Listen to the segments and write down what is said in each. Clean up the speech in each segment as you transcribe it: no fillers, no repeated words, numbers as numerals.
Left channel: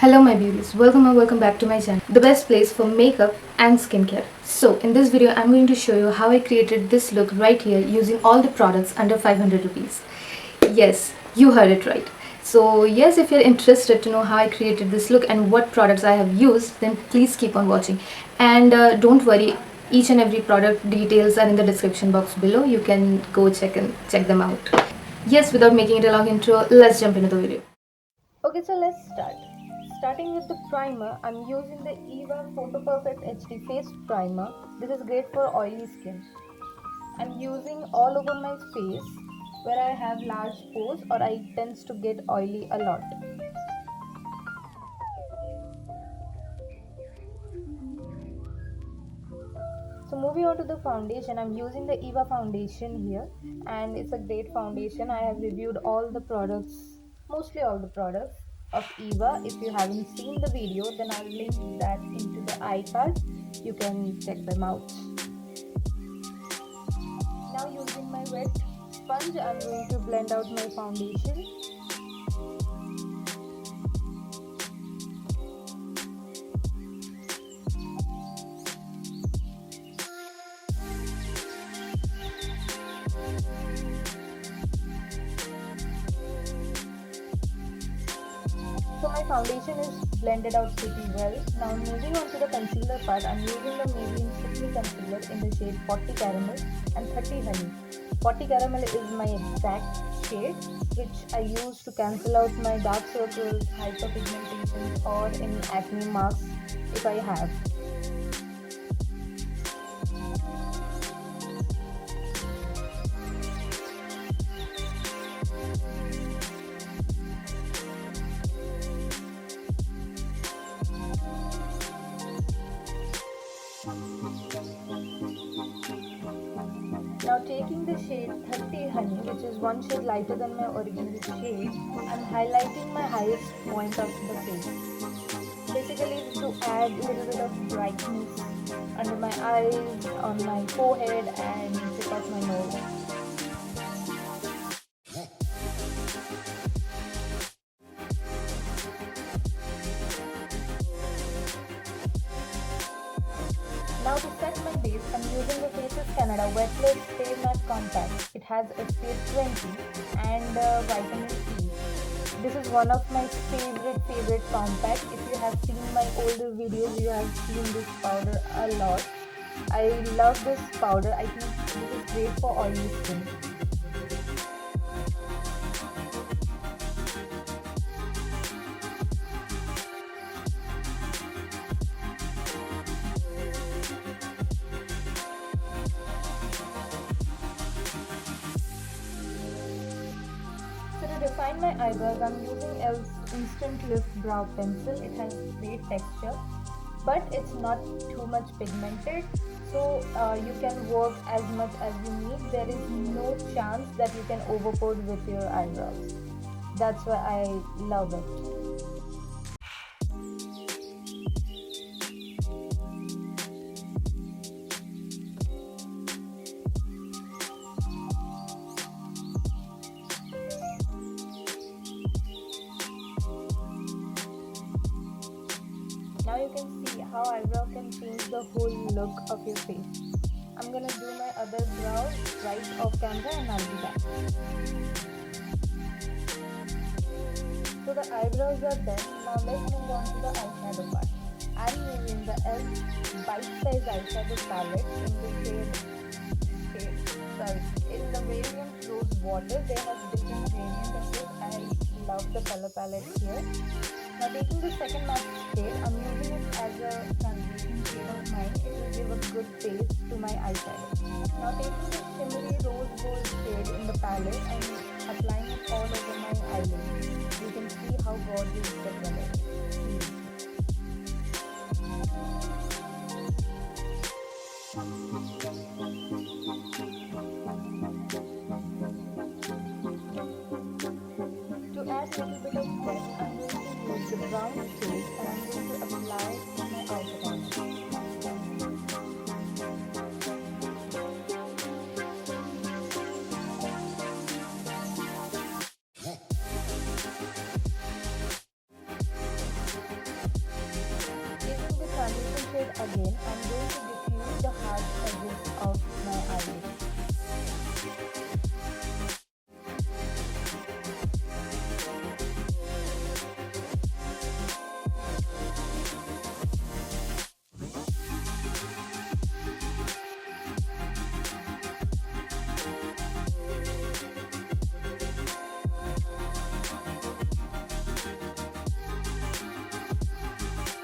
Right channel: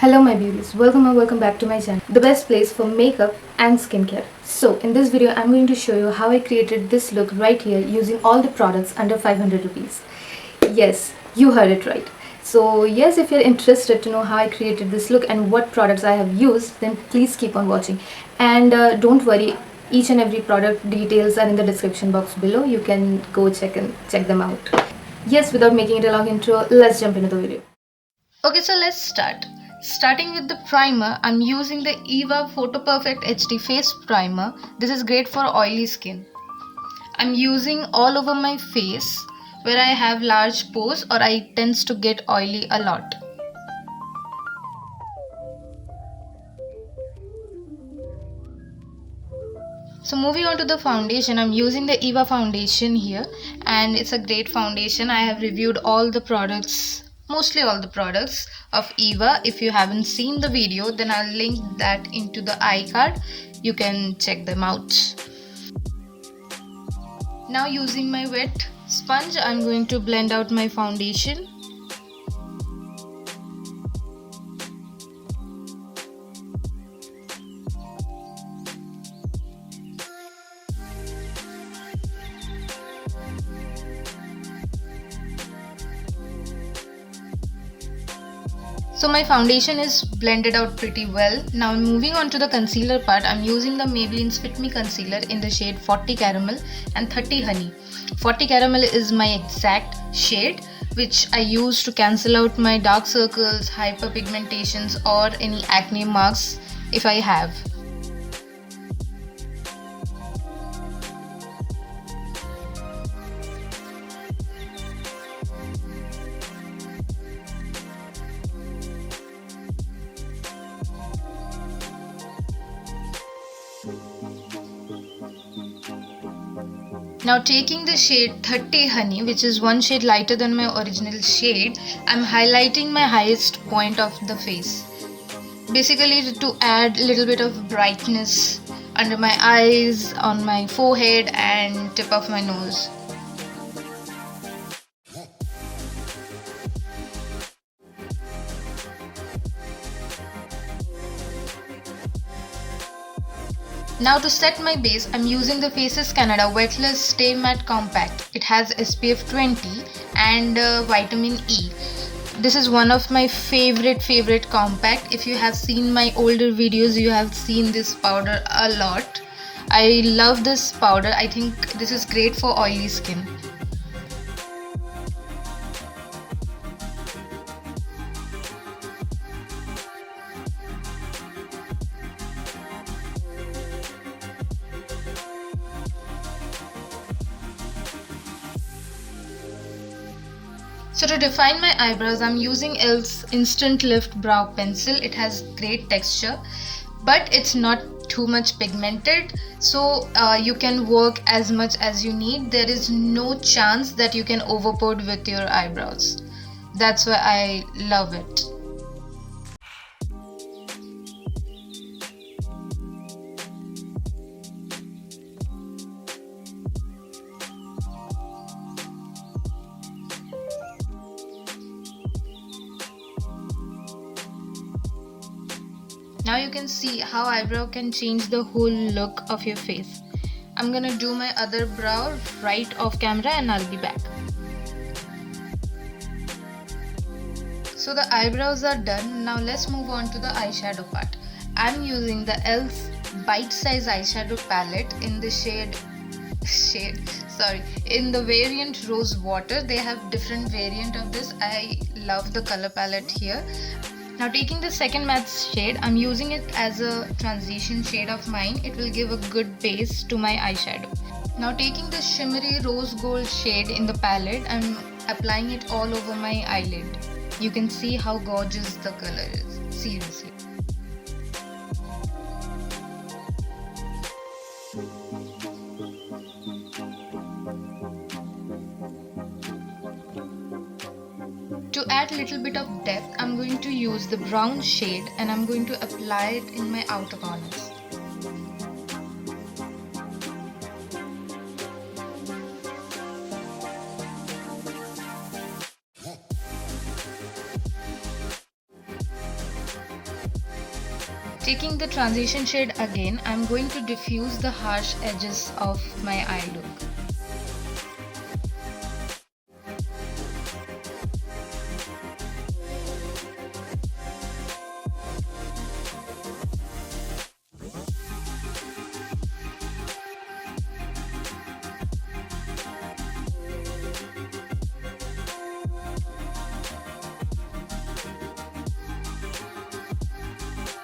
Hello my beauties, welcome or welcome back to my channel, the best place for makeup and skincare. So in this video I'm going to show you how I created this look right here using all the products under 500 rupees. Yes, you heard it right. So yes, if you're interested to know how I created this look and what products I have used, then please keep on watching. And don't worry, each and every product details are in the description box below. You can go check them out. Yes, without making it a long intro, let's jump into the video. Okay, so let's start. Starting with the primer, I'm using the e.l.f Photo Perfect HD Face Primer. This is great for oily skin. I'm using all over my face where I have large pores or I tends to get oily a lot. So moving on to the foundation, I'm using the e.l.f foundation here and it's a great foundation. I have reviewed all the products, mostly all the products of e.l.f. If you haven't seen the video, then I'll link that into the iCard. You can check them out. Now using my wet sponge, I'm going to blend out my foundation. So my foundation is blended out pretty well. Now moving on to the concealer part, I'm using the Maybelline's Fit Me Concealer in the shade 40 Caramel and 30 Honey. 40 Caramel is my exact shade which I use to cancel out my dark circles, hyperpigmentations or any acne marks if I have. Now taking the shade 30 Honey, which is one shade lighter than my original shade, I'm highlighting my highest point of the face. Basically to add a little bit of brightness under my eyes, on my forehead and tip of my nose. Now to set my base, I'm using the Faces Canada Weightless Stay Matte Compact. It has SPF 20 and vitamin E. This is one of my favorite compact. If you have seen my older videos, you have seen this powder a lot. I love this powder. I think this is great for oily skin. So to define my eyebrows, I'm using e.l.f's Instant Lift Brow Pencil. It has great texture, but it's not too much pigmented, so you can work as much as you need. There is no chance that you can overpour with your eyebrows. That's why I love it. Now you can see how eyebrow can change the whole look of your face. I'm gonna do my other brow right off camera and I'll be back. So the eyebrows are done. Now let's move on to the eyeshadow part. I'm using the e.l.f Bite Size Eyeshadow Palette in the in the variant Rose Water. They have different variant of this. I love the color palette here. Now taking the second matte shade, I'm using it as a transition shade of mine. It will give a good base to my eyeshadow. Now taking the shimmery rose gold shade in the palette, I'm applying it all over my eyelid. You can see how gorgeous the color is, seriously. To add a little bit of depth, I'm going to use the brown shade and I'm going to apply it in my outer corners. Taking the transition shade again, I'm going to diffuse the harsh edges of my eye look.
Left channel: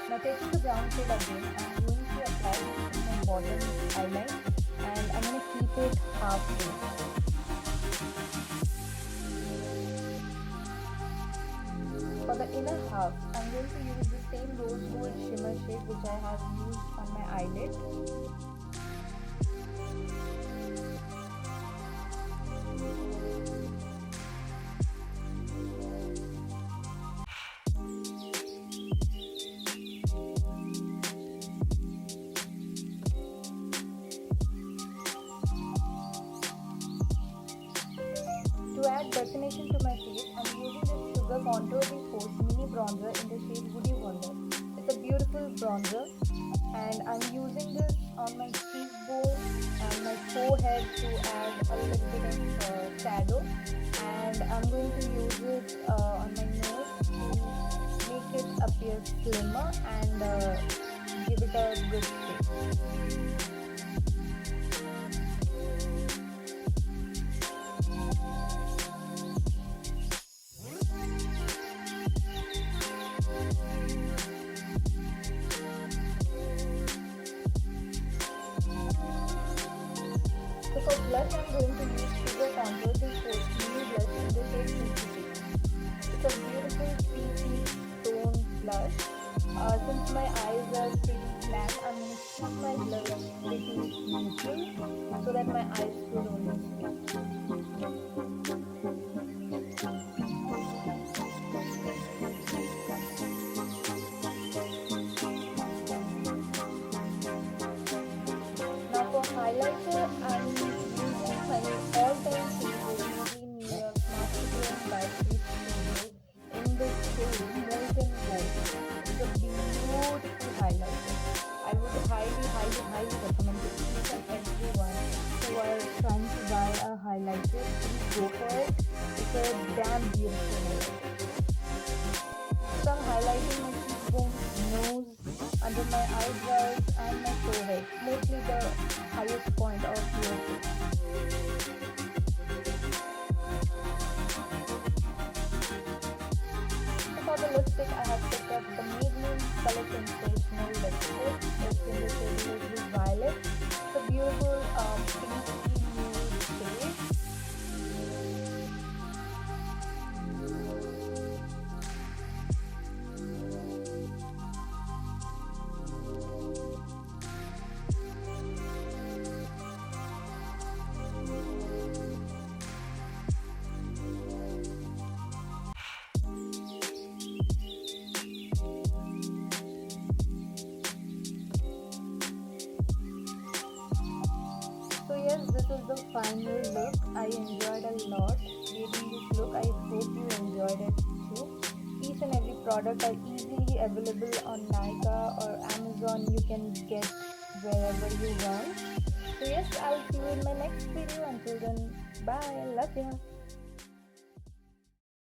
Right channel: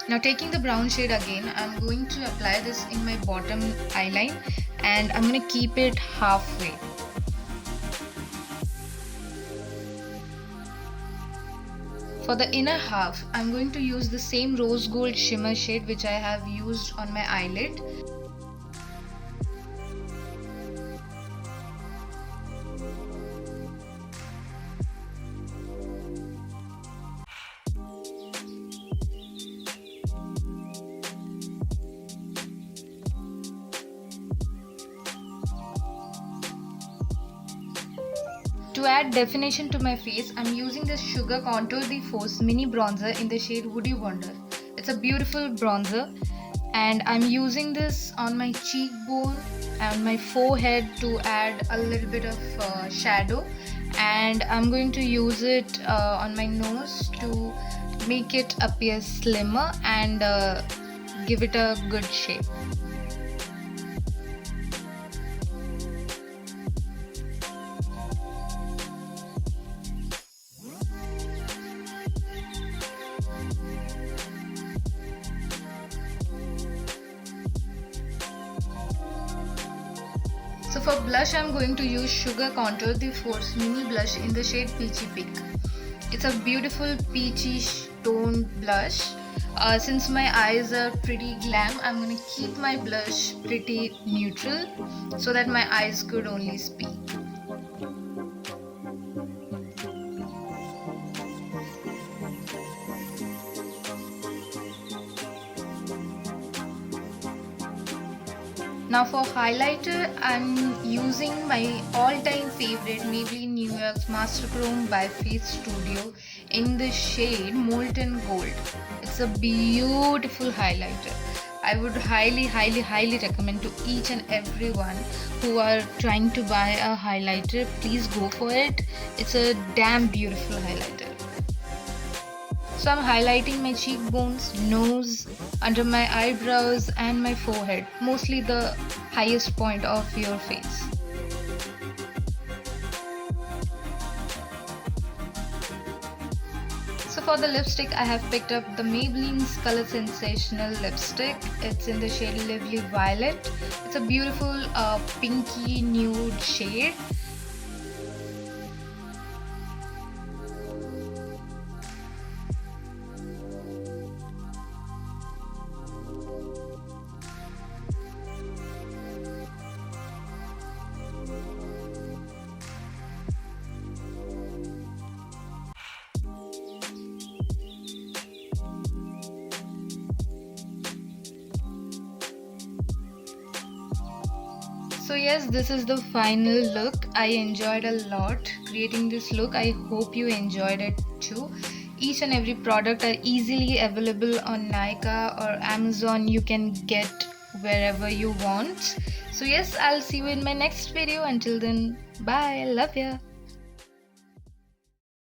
Now taking the brown shade again, I'm going to apply this in my bottom eyeline and I'm going to keep it halfway. For the inner half, I'm going to use the same rose gold shimmer shade which I have used on my eyelid. To add definition to my face, I'm using this Sugar Contour de Force mini bronzer in the shade Woody Wonder. It's a beautiful bronzer and I'm using this on my cheekbone and my forehead to add a little bit of shadow, and I'm going to use it on my nose to make it appear slimmer and give it a good shape. So for blush, I'm going to use Sugar Contour de Force mini blush in the shade Peachy Pink. It's a beautiful peachy toned blush. Since my eyes are pretty glam, I'm going to keep my blush pretty neutral so that my eyes could only speak. Now for highlighter, I'm using my all-time favorite Maybelline New York's Master Chrome by Face Studio in the shade Molten Gold. It's a beautiful highlighter. I would highly recommend to each and everyone who are trying to buy a highlighter, please go for it. It's a damn beautiful highlighter. So I'm highlighting my cheekbones, nose, under my eyebrows and my forehead, mostly the highest point of your face. So for the lipstick, I have picked up the Maybelline's Color Sensational lipstick. It's in the shade Lively Violet. It's a beautiful pinky nude shade. So yes, this is the final look. I enjoyed a lot creating this look. I hope you enjoyed it too. Each and every product are easily available on Nykaa or Amazon. You can get wherever you want. So yes, I'll see you in my next video. Until then, bye. Love ya.